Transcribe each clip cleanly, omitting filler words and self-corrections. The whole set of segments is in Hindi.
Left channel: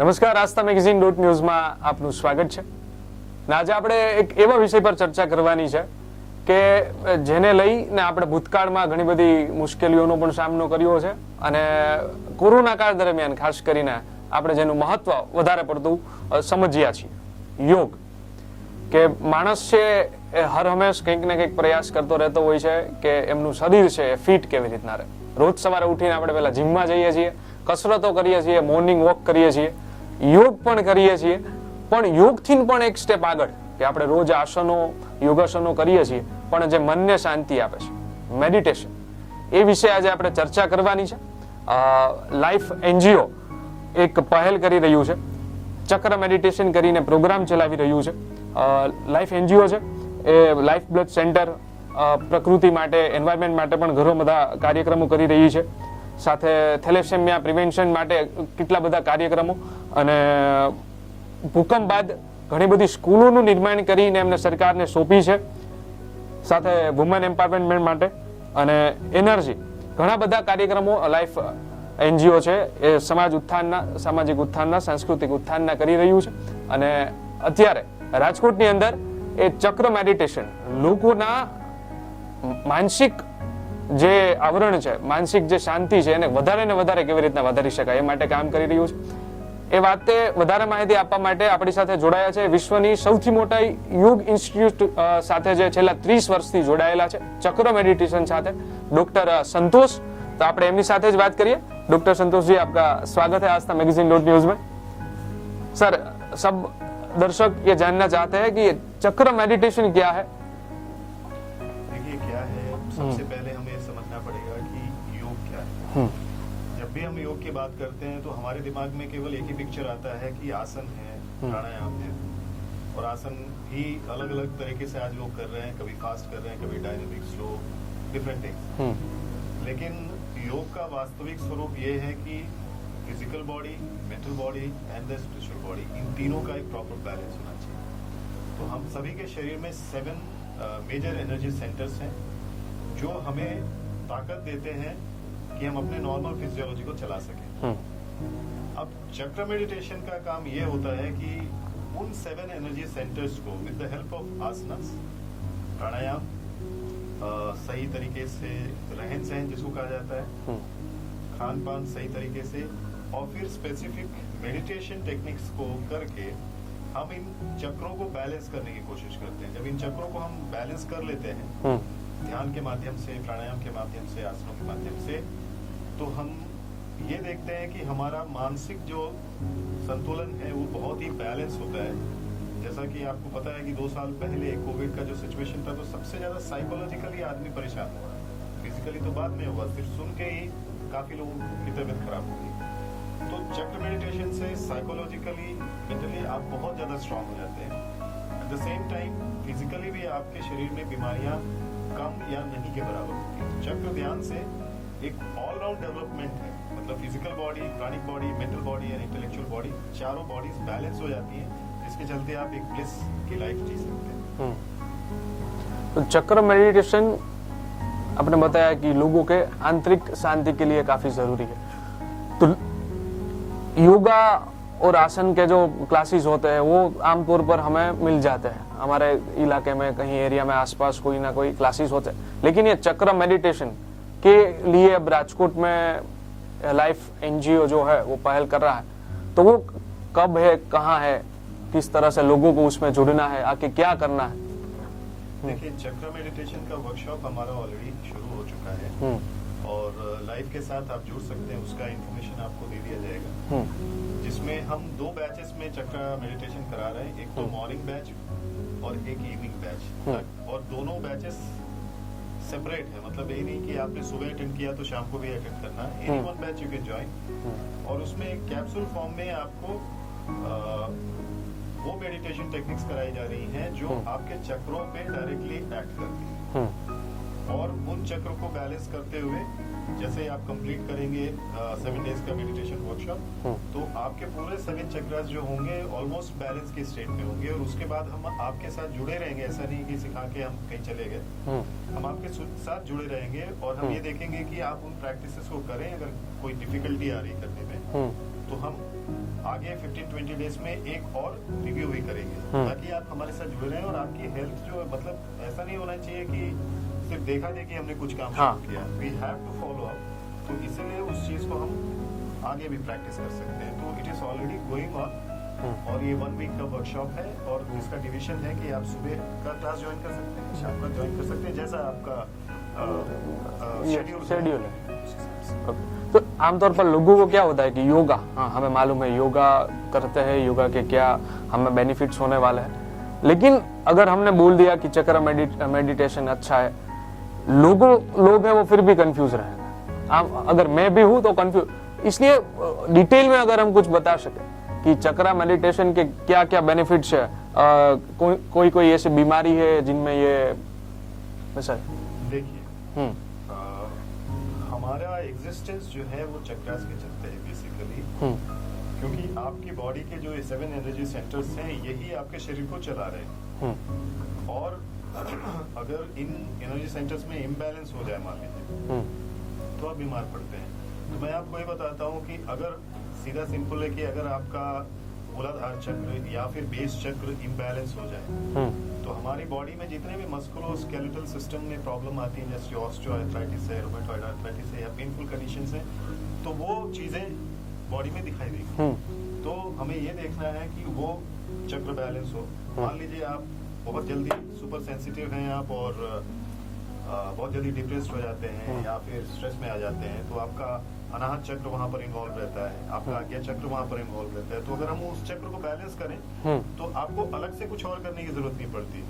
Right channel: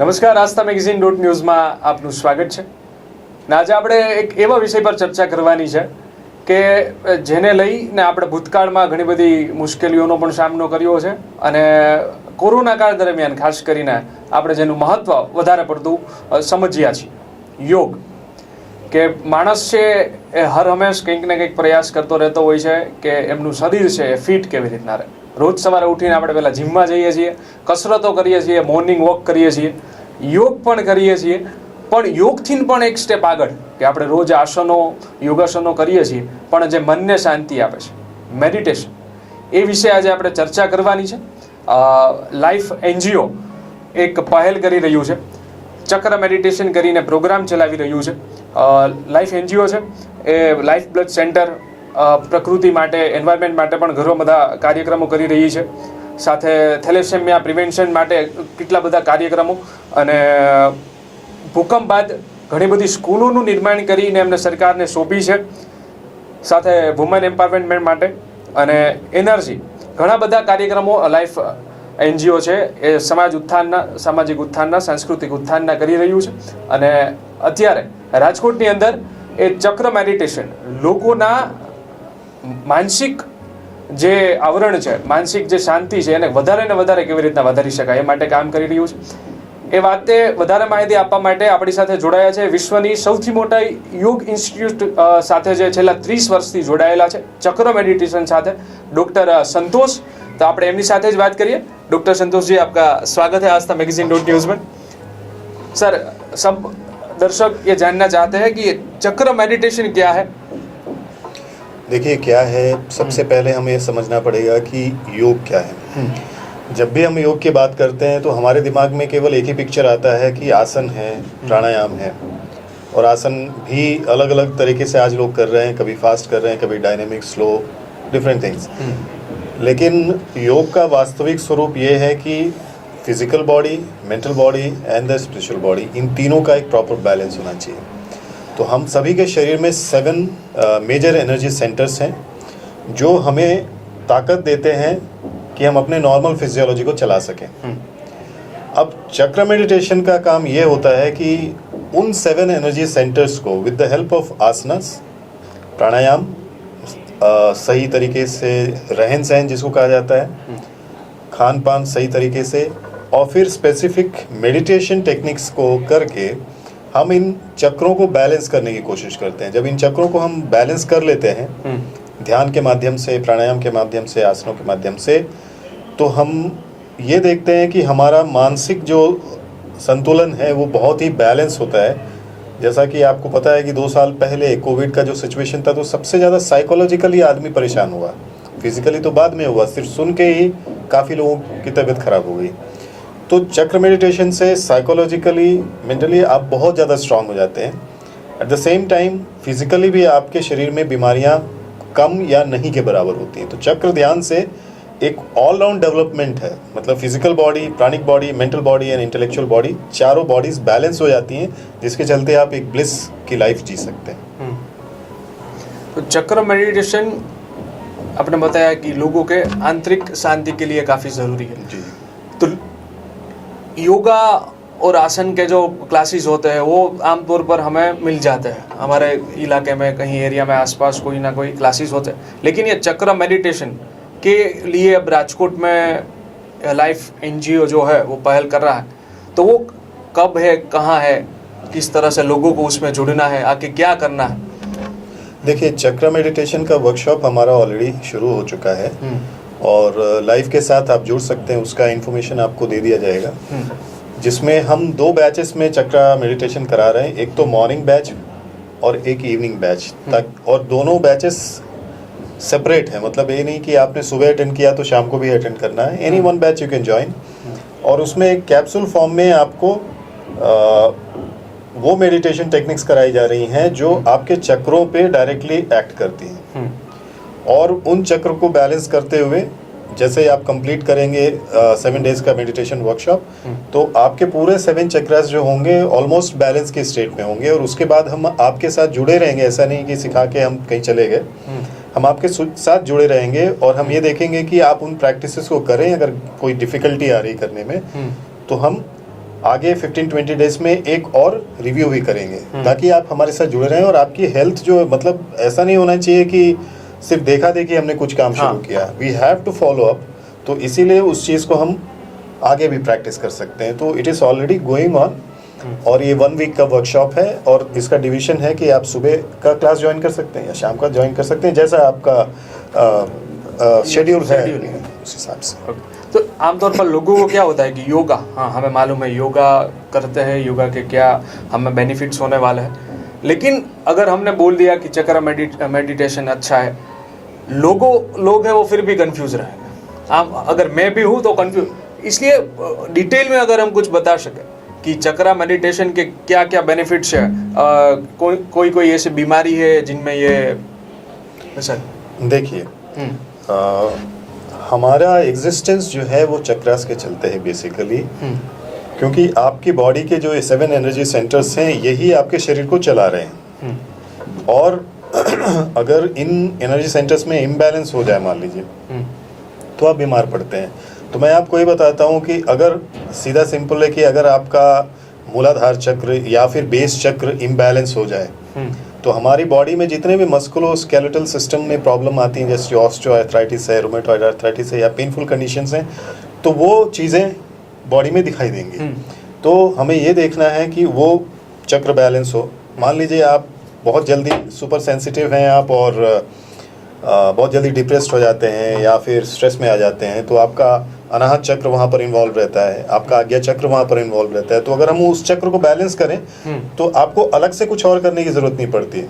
નમસ્કાર, આસ્થા મેગેઝિન .ન્યૂઝમાં આપનું સ્વાગત છે. આજે આપણે એક એવા વિષય પર ચર્ચા કરવાની છે કે જેને લઈને આપણે ભૂતકાળમાં ઘણી બધી મુશ્કેલીઓનો પણ સામનો કર્યો છે અને કોરોના કાળ દરમિયાન ખાસ કરીને આપણે જેનું મહત્વ વધારે પડતું સમજ્યા છીએ. યોગ કે માણસ છે એ હર હંમેશ કંઈક ને કંઈક પ્રયાસ કરતો રહેતો હોય છે કે એમનું શરીર છે એ ફિટ કેવી રીતના રહે. રોજ સવારે ઉઠીને આપણે પહેલાં જીમમાં જઈએ છીએ, કસરતો કરીએ છીએ, મોર્નિંગ વોક કરીએ છીએ, યોગ પણ કરીએ છીએ. પણ યોગથી પણ એક સ્ટેપ આગળ કે આપણે રોજ આસનો યોગાસનો કરીએ છીએ પણ જે મનને શાંતિ આપે છે, મેડિટેશન, એ વિશે આજે આપણે ચર્ચા કરવાની છે. લાઈફ NGO એક પહેલ કરી રહ્યું છે, ચક્ર મેડિટેશન કરીને પ્રોગ્રામ ચલાવી રહ્યું છે. લાઈફ NGO છે એ લાઈફ બ્લડ સેન્ટર પ્રકૃતિ માટે, એન્વાયરમેન્ટ માટે પણ ઘણા બધા કાર્યક્રમો કરી રહી છે. સાથે થેલેસેમિયા પ્રિવેન્શન માટે કેટલા બધા કાર્યક્રમો અને ભૂકંપ બાદ ઘણી બધી સ્કૂલોનું નિર્માણ કરીને એમને સરકારને સોંપી છે. સાથે વુમેન એમ્પાવરમેન્ટ માટે અને એનર્જી, ઘણા બધા કાર્યક્રમો લાઈફ NGO છે એ સમાજ ઉત્થાનના, સામાજિક ઉત્થાનના, સાંસ્કૃતિક ઉત્થાનના કરી રહ્યું છે. અને અત્યારે રાજકોટની અંદર એ ચક્ર મેડિટેશન લોકોના માનસિક જે આવરણ છે, માનસિક જે શાંતિ છે એને વધારે ને વધારે કેવી રીતના વધારી શકાય એ માટે કામ કરી રહ્યું છે. એ વાતે વધારે માહિતી આપવા માટે આપણી સાથે જોડાયા છે વિશ્વની સૌથી મોટા યોગ ઇન્સ્ટિટ્યૂટ સાથે જે છેલ્લા 30 વર્ષથી જોડાયેલા છે ચક્ર મેડિટેશન સાથે, ડૉક્ટર संतोष. तो આપણે એમની સાથે જ વાત કરીએ. डॉक्टर संतोष जी, आपका स्वागत है आस्था मैगजीन .न्यूज़ में. सर, सब दर्शक ये जानना चाहते हैं कि चक्र मेडिटेशन क्या है. देखिए क्या है, सबसे पहले हमें समझना पड़ेगा कि योग क्या है. जब भी हम योग की बात करते हैं तो हमारे दिमाग में केवल एक ही पिक्चर आता है कि आसन है, प्राणायाम है. और आसन भी अलग अलग तरीके से आज लोग कर रहे हैं, कभी फास्ट कर रहे हैं, कभी डायनेमिक, स्लो, डिफरेंट थिंग्स. लेकिन योग का वास्तविक स्वरूप ये है कि physical body, mental body and the spiritual body, इन तीनों का एक प्रॉपर बैलेंस होना चाहिए. तो हम सभी के शरीर में 7 मेजर एनर्जी सेंटर्स हैं जो हमें ताकत देते हैं कि हम अपने नॉर्मल फिजियोलॉजी को चला सकें. अब चक्र मेडिटेशन का काम ये होता है कि उन 7 एनर्जी सेंटर्स को विद द हेल्प ऑफ आसनास, प्राणायाम, सही तरीके से रहन सहन जिसको कहा जाता है, खान पान सही तरीके से, और फिर स्पेसिफिक मेडिटेशन टेक्निक्स को करके हम इन चक्रों को बैलेंस करने की कोशिश करते हैं. जब इन चक्रों को हम बैलेंस कर लेते हैं ध्यान के माध्यम से, प्राणायाम के माध्यम से, आसनों के माध्यम से, तो हम ये देखते हैं कि हमारा मानसिक जो संतुलन है वो बहुत ही बैलेंस होता है. जैसा कि आपको पता है कि 2 साल पहले कोविड का जो सिचुएशन था तो सबसे ज़्यादा साइकोलॉजिकली आदमी परेशान हुआ. फिजिकली तो बाद में हुआ, सिर्फ सुन के ही काफ़ी लोगों की तबीयत खराब हो गई. तो चक्र मेडिटेशन से साइकोलॉजिकली, मेंटली आप बहुत ज़्यादा स्ट्रांग हो जाते हैं. At the same time physically भी आपके शरीर में बीमारियां कम या नहीं के बराबर होती हैं. तो चक्र ध्यान से एक ऑलराउंड डेवलपमेंट है, मतलब physical body, pranic body, mental body and intellectual body, चारों बॉडीज बैलेंस हो जाती हैं, जिसके चलते आप एक ब्लिस की लाइफ जी सकते हैं. तो चक्र मेडिटेशन आपने बताया कि लोगों के आंतरिक शांति के लिए काफ़ी ज़रूरी है. जी. तो योगा और आसन के जो क्लासेस होते हैं वो आमतौर पर हमें मिल जाते हैं हमारे इलाके में, कहीं एरिया में आसपास कोई ना कोई क्लासेस होते हैं. लेकिन ये चक्र मेडिटेशन के लिए अब राजकोट में लाइफ NGO जो है वो पहल कर रहा है, तो वो कब है, कहाँ है, किस तरह से लोगों को उसमें जुड़ना है, आके क्या करना है. देखिए, चक्र मेडिटेशन का वर्कशॉप हमारा ऑलरेडी शुरू हो चुका है और लाइव के साथ आप जुड़ सकते हैं. उसका इन्फॉर्मेशन आपको दे दिया जाएगा, जिसमें हम 2 बैचेस में चक्र मेडिटेशन करा रहे हैं. एक तो मॉर्निंग बैच और एक इवनिंग बैच तक, और दोनों बैचेस सेपरेट है. मतलब ये नहीं कि आपने सुबह अटेंड किया तो शाम को भी अटेंड करना है. Any one batch you can join. और उसमें एक कैप्सूल फॉर्म में आपको वो मेडिटेशन टेक्निक्स कराई जा रही हैं जो आपके चक्रों पे डायरेक्टली एक्ट करती हैं. और उन चक्र को बैलेंस करते हुए जैसे आप कंप्लीट करेंगे 7 डेज का मेडिटेशन वर्कशॉप, तो आपके पूरे 7 चक्रास जो होंगे ऑलमोस्ट बैलेंस के स्टेट में होंगे. और उसके बाद हम आपके साथ जुड़े रहेंगे. ऐसा नहीं कि सिखा के हम कहीं चले गए, हम आपके साथ जुड़े रहेंगे और हम ये देखेंगे कि आप उन प्रैक्टिसेस को करें. अगर कोई डिफिकल्टी आ रही करने में तो हम आगे 15-20 डेज में एक और रिव्यू भी करेंगे, ताकि आप हमारे साथ जुड़े रहें और आपकी हेल्थ जो मतलब ऐसा नहीं होना चाहिए कि सिर्फ देखा देखी हमने कुछ काम शुरू किया, we have to follow up. तो इसीलिए उस चीज़ को हम आगे भी प्रैक्टिस कर सकते हैं। तो it is already going on, और ये 1 वीक का वर्कशॉप है और इसका डिवीजन है कि आप सुबह का क्लास ज्वाइन कर सकते हैं या शाम का ज्वाइन कर सकते हैं, जैसा आपका शेड्यूल है उस हिसाब से। तो आमतौर पर लोगों को क्या होता है कि योगा, हाँ हमें मालूम है योगा करते हैं, योगा के क्या हमें बेनिफिट्स होने वाले हैं, लेकिन अगर हमने बोल दिया कि चक्र मेडिटेशन अच्छा है, लोग हैं वो फिर भी कंफ्यूज रहेंगे। अगर मैं भी हूँ तो कंफ्यूज, इसलिए डिटेल में अगर हम कुछ बता सके कि चक्रा मेडिटेशन के क्या क्या बेनिफिट्स है, कोई ऐसी बीमारी है जिनमें ये वैसा। देखिए हमारा एग्जिस्टेंस जो है वो चक्रास के चलते हैं बेसिकली, क्योंकि आपकी बॉडी के जो 7 एनर्जी सेंटर्स हैं यही आपके शरीर को चला रहे हैं। और अगर इन एनर्जी सेंटर्स में इम्बैलेंस हो जाए मान लीजिए, तो आप बीमार पड़ते हैं। तो मैं आपको ये बताता हूँ कि अगर सीधा सिंपल है कि अगर आपका मूलाधार चक्र या फिर बेस चक्र इम्बैलेंस हो जाए, तो हमारी बॉडी में जितने भी मस्कुलोस्केलेटल सिस्टम में प्रॉब्लम आती हैं, जैसे ऑस्टियोआर्थराइटिस है, रूमेटॉइड आर्थराइटिस है या पेनफुल कंडीशंस हैं, तो वो चीज़ें बॉडी में दिखाई देंगी। तो हमें ये देखना है कि वो चक्र बैलेंस हो। मान लीजिए आप बहुत जल्दी सुपर सेंसिटिव हैं आप, और बहुत जल्दी डिप्रेस्ड हो जाते हैं या फिर स्ट्रेस में आ जाते हैं, तो आपका अनाहत चक्र वहाँ पर इन्वॉल्व रहता है, आपका आज्ञा चक्र वहाँ पर इन्वॉल्व रहता है। तो अगर हम उस चक्र को बैलेंस करें तो आपको अलग से कुछ और करने की ज़रूरत नहीं पड़ती है।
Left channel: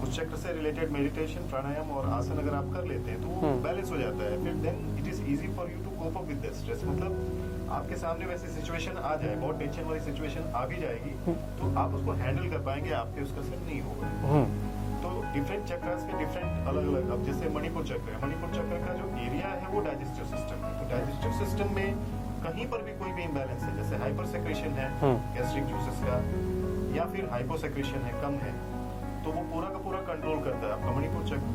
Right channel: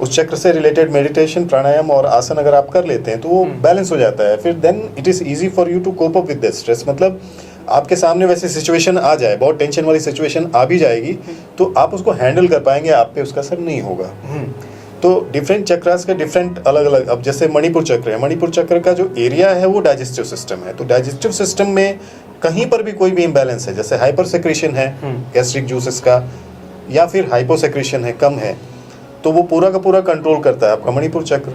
उस चक्र से रिलेटेड मेडिटेशन, प्राणायाम और आसन अगर आप कर लेते हैं तो वो बैलेंस हो जाता है। फिर then it is easy for you to cope up with this stress. मतलब आपके सामने वैसी सिचुएशन आ जाए, बहुत टेंशन वाली सिचुएशन आ भी जाएगी, तो आप उसको हैंडल कर पाएंगे, आप पे उसका असर नहीं होगा। तो डिफरेंट चक्रास के डिफरेंट अलग अलग, अब जैसे मणिपुर चक्र है, मणिपुर चक्र का जो एरिया है वो डाइजेस्टिव सिस्टम है। तो डाइजेस्टिव सिस्टम में कहीं पर भी कोई भी इम्बैलेंस है, जैसे हाइपर सेक्रेशन है गैस्ट्रिक जूसेस का, या फिर हाइपो सेक्रेशन है, कम है, तो वो पूरा का पूरा कंट्रोल करता है आपका मणिपुर चक्र।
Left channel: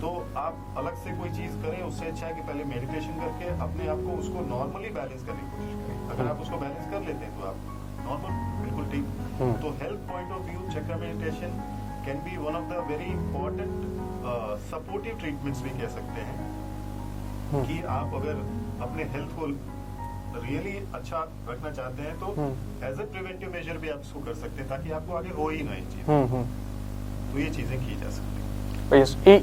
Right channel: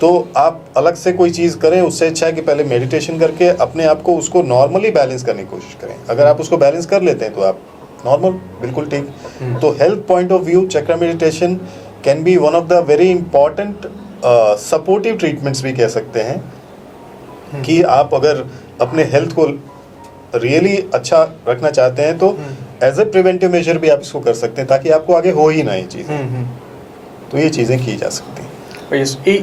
तो आप अलग से कोई चीज़ करें, उससे अच्छा है कि पहले मेडिटेशन करके अपने आप को उसको नॉर्मली बैलेंस करने की कोशिश करें। अगर आप उसको बैलेंस कर लेते हैं तो आप नॉर्मल, बिल्कुल ठीक। तो हेल्थ पॉइंट ऑफ व्यू चक्र meditation can be one of the very important supportive treatments भी कह सकते हैं, कि आप अगर अपने हेल्थ को रियली अच्छा रखना चाहते हैं तो एज ए प्रिवेंटिव मेजर भी आप इसको कर सकते हैं, ताकि आपको आगे हो ही ना ये चीज़ें। तो ये चीज़ें की जा सकती हैं।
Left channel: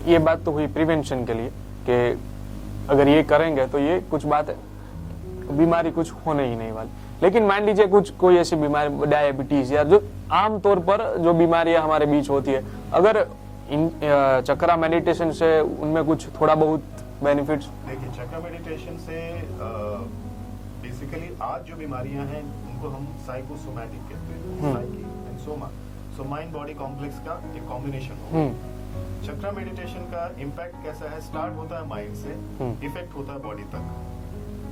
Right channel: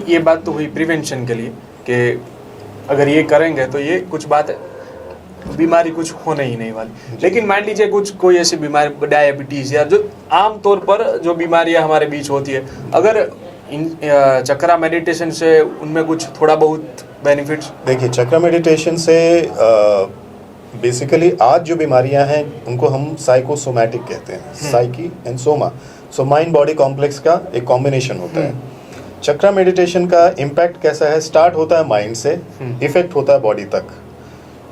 ये बात तो हुई प्रिवेंशन के लिए कि अगर ये करेंगे तो ये कुछ बात बीमारी कुछ होने ही नहीं वाली। लेकिन मान लीजिए कोई ऐसी बीमारी, डायबिटीज या जो आम तौर पर जो बीमारियां हमारे बीच होती है, अगर चक्रा मेडिटेशन से उनमें कुछ थोड़ा बहुत बेनिफिट्स। देखिए चक्रा मेडिटेशन से बेसिकली आज जो बीमारियां हैं उनको हम साइकोसोमैटिक कहते हैं, psyche and Soma. So mind body complex का एक कॉम्बिनेशन होता है। चक्रा मेडिटेशन का इम्पैक्ट कैसा है, स्टार्ट होता है माइंड से, इफेक्ट होता है बॉडी तक,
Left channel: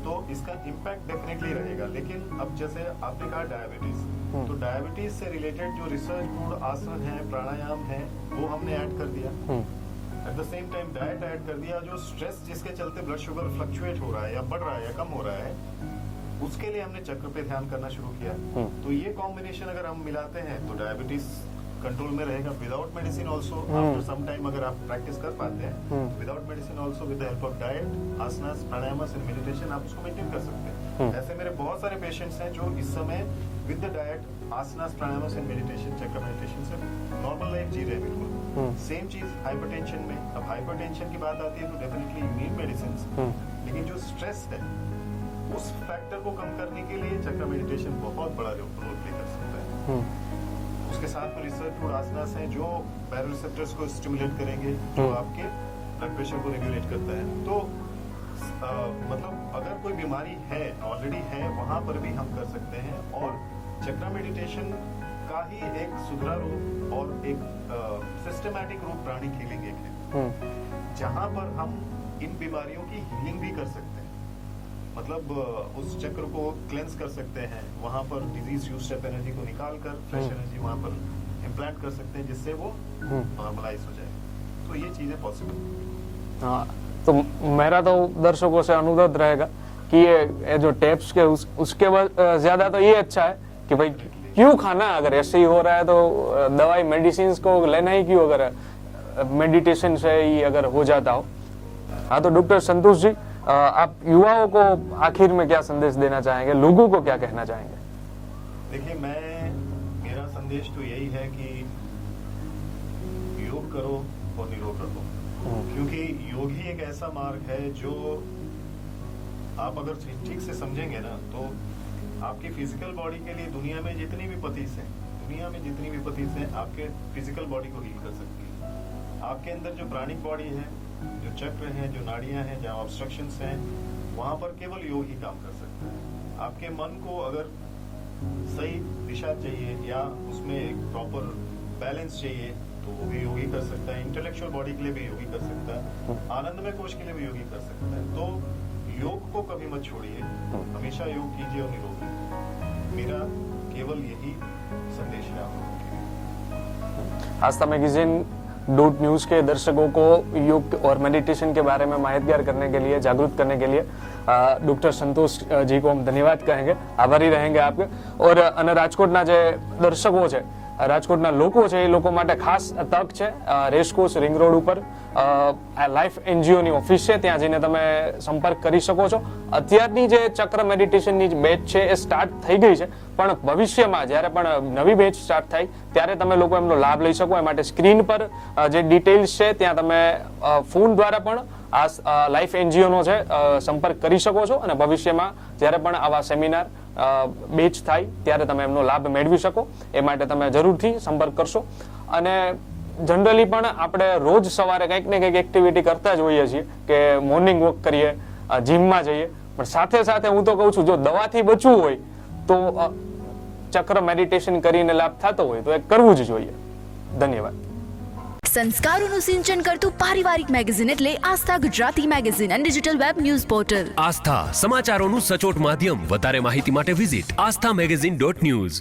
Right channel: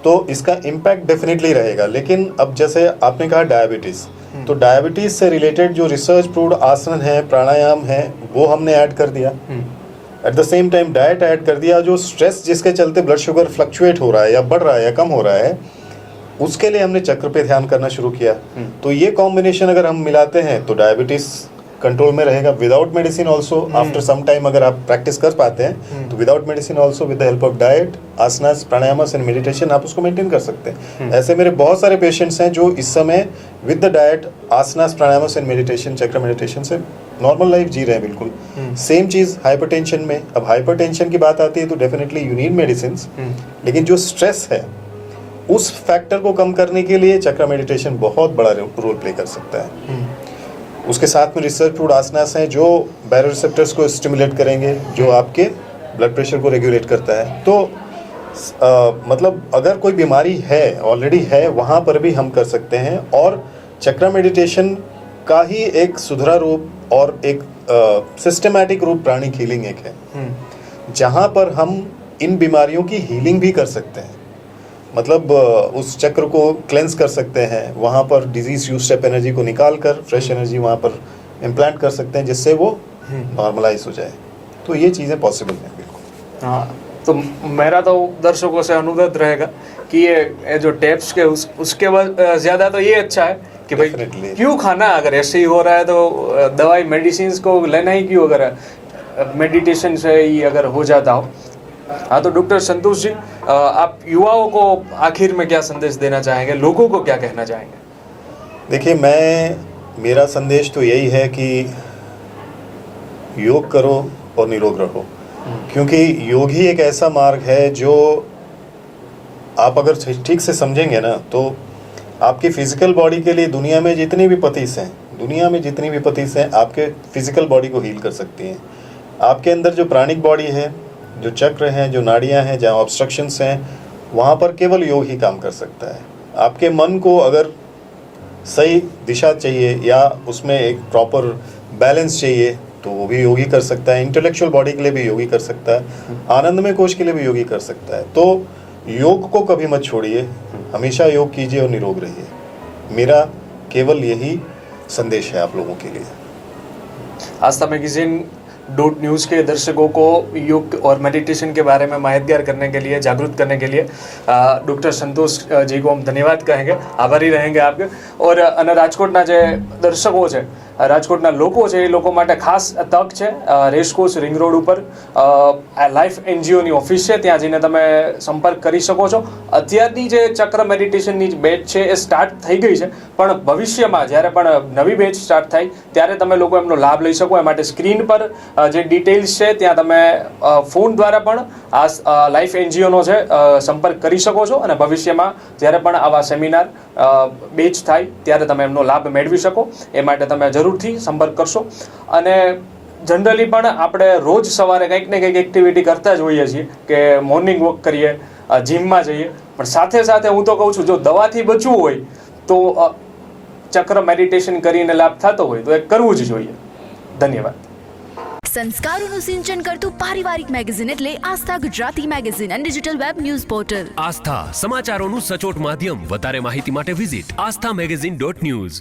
तो इसका इम्पैक्ट डेफिनेटली रहेगा। लेकिन अब जैसे आपने कहा डायबिटीज, तो डायबिटीज से रिलेटेड जो रिसर्च प्रूव्ड आसन है, प्राणायाम है, वो हमने ऐड कर दिया। At the same time diet add कर दिया। जो स्ट्रेस जिसके चलते ब्लड शुगर फ्लक्चुएट हो रहा है या बढ़ रहा है या कम हो रहा है, उसके लिए हमने चक्र पे ध्यान करना शुरू किया। तो ये कॉम्बिनेशन अगर हम मिलाते हैं तो डायबिटीज कंट्रोल में रहेगा without medicine also. After some time अगर आप प्रैक्टिस कर पाते हैं तो without medicine also, with the help of diet, asanas, pranayamas and meditation आप उसको मेंटेन कर सकते हैं। ऐसे मेरे बहुत सारे पेशेंट्स हैं जो इस समय with the diet, asanas, pranayamas and meditation, chakra meditation से नॉर्मल लाइफ जी रहे हैं बिल्कुल। सेम चीज़ हाइपरटेंशन में। अब हाइपरटेंशन की बात आती है तो डेफिनेटली यू नीड मेडिसिन, लेकिन जो स्ट्रेस है उस फैक्टर को कम करने के लिए चक्र मेडिटेशन बहुत बड़ा रोल प्ले कर सकता है। उसके साथ में रिसर्च प्रूव्ड आसनास हैं जो बायोरिसेप्टर्स को स्टिमुलेट करेंगे, जो आपके ब्लड प्रेशर को रेगुलेट करता है। तो मतलब अगर कोई बीमारी है, ऑलरेडी है, वहाँ पर भी हम कर सकते हैं। और चक्र मेडिटेशन का ही एक सुधरा रूप और एक सिस्टमैटिक रूप प्राणिक हीलिंग एक है, जहाँ पर हम इन बीमारियों की हीलिंग भी कर सकते हैं। मतलब उस चक्र को क्लेंस कर सकते हैं, वहाँ पर डिजीज यूज स्टेप एनर्जी को निकाल कर फ्रेश एनर्जी वहाँ पर इम्प्लांट कर सकते हैं, जिससे वो नॉर्मलाइज हो जाए। तो ये चीज़ें पॉसिबल हैं बिल्कुल। हाँ, तो मेरा तो दर्शकों से अनुरोध रहेगा कि ये जो टेप्स के उसके ज्यादा तो ये अच्छा है कि भाई Definitely. क्यों खाना, अगर ऐसे ही हो रहा है तो दवाई मेडिसिन को लेना ही क्यों, अगर मेडिटेशन से ही अगर हो जाता हो। हाँ, तो डॉक्टर संतोष जी, आप युवाओं को आखिर में क्या संदेश देना चाहेंगे, लोगों को क्या कहना चाहेंगे? देखिए, मेरा संदेश तो यही है कि योग करो और निरोग रहो, क्योंकि योग ही एक ऐसा मार्ग है जो आप अगर ठीक से समझेंगे ना तो आपकी फिजिकल बॉडी के लिए दुनिया में जितनी भी पतीस हैं आपके फिजिकल बॉडी को हील कर सकती हैं। आपके अंदर जो प्राणिक बॉडी है, जो चक्र हैं, जो नाड़ियां हैं, जहाँ ऑब्स्ट्रक्शंस हैं, वहाँ पर केवल योग ही काम कर सकता है। आपके मन को अगर सही दिशा चाहिए या उसमें एक प्रॉपर बैलेंस चाहिए तो वो भी योगी कर सकता है। इंटेलेक्चुअल बॉडी के लिए भी योगी कर सकता है, आनंदमय कोश के लिए भी योगी कर सकता है। तो योग को कभी मत छोड़िए, हमेशा योग कीजिए और निरोग रहिए। मेरा केवल यही संदेश है आप लोगों के लिए। आस्था मैगजीन .न्यूज़ के दर्शकों को योग और मेडिटेशन के बारे में माहितगार करने के लिए, जागरूक करने के लिए डॉक्टर संतोष जी को हम धन्यवाद कहेंगे, आभारी रहेंगे आपके। और અને રાજકોટના જે દર્શકો છે, રાજકોટના લોકો છે, એ લોકો માટે ખાસ તક છે। રેસકોર્સ રિંગ રોડ ઉપર લાઈફ એનજીઓની ઓફિસ છે, ત્યાં જઈને તમે સંપર્ક કરી શકો છો। અત્યારની જે ચક્ર મેડિટેશનની બેચ છે એ સ્ટાર્ટ થઈ ગઈ છે, પણ ભવિષ્યમાં જ્યારે પણ નવી બેચ સ્ટાર્ટ થાય ત્યારે તમે લોકો એમનો લાભ લઈ શકો। એ માટે સ્ક્રીન પર જે ડિટેલ્સ છે ત્યાં તમે ફોન દ્વારા પણ આ લાઈફ એનજીઓનો છે સંપર્ક કરી શકો છો, અને ભવિષ્યમાં જ્યારે પણ આવા સેમિનાર બેચ થાય ત્યારે તમે એમનો લાભ મેળવી શકો। એ માટે તમે જરૂરથી સંપર્ક કરશો। અને જનરલી પણ આપણે રોજ સવારે કંઈક ને કંઈક એક્ટિવિટી કરતા જ હોઈએ છીએ કે મોર્નિંગ વોક કરીએ, જીમમાં જઈએ, પણ સાથે સાથે હું તો કહું છું જો દવાથી બચવું હોય તો ચક્ર મેડિટેશન કરીને લાભ થતો હોય તો એ કરવું જ જોઈએ। ધન્યવાદ। સંસ્કારોનું સિંચન કરતું પારિવારિક મેગેઝિન એટલે આસ્થા ગુજરાતી મેગેઝિન અને ડિજિટલ વેબ ન્યૂઝ પોર્ટલ। આસ્થા સમાચારોનું સચોટ માધ્યમ। વધારે માહિતી માટે વિઝિટ aasthamagazine.news।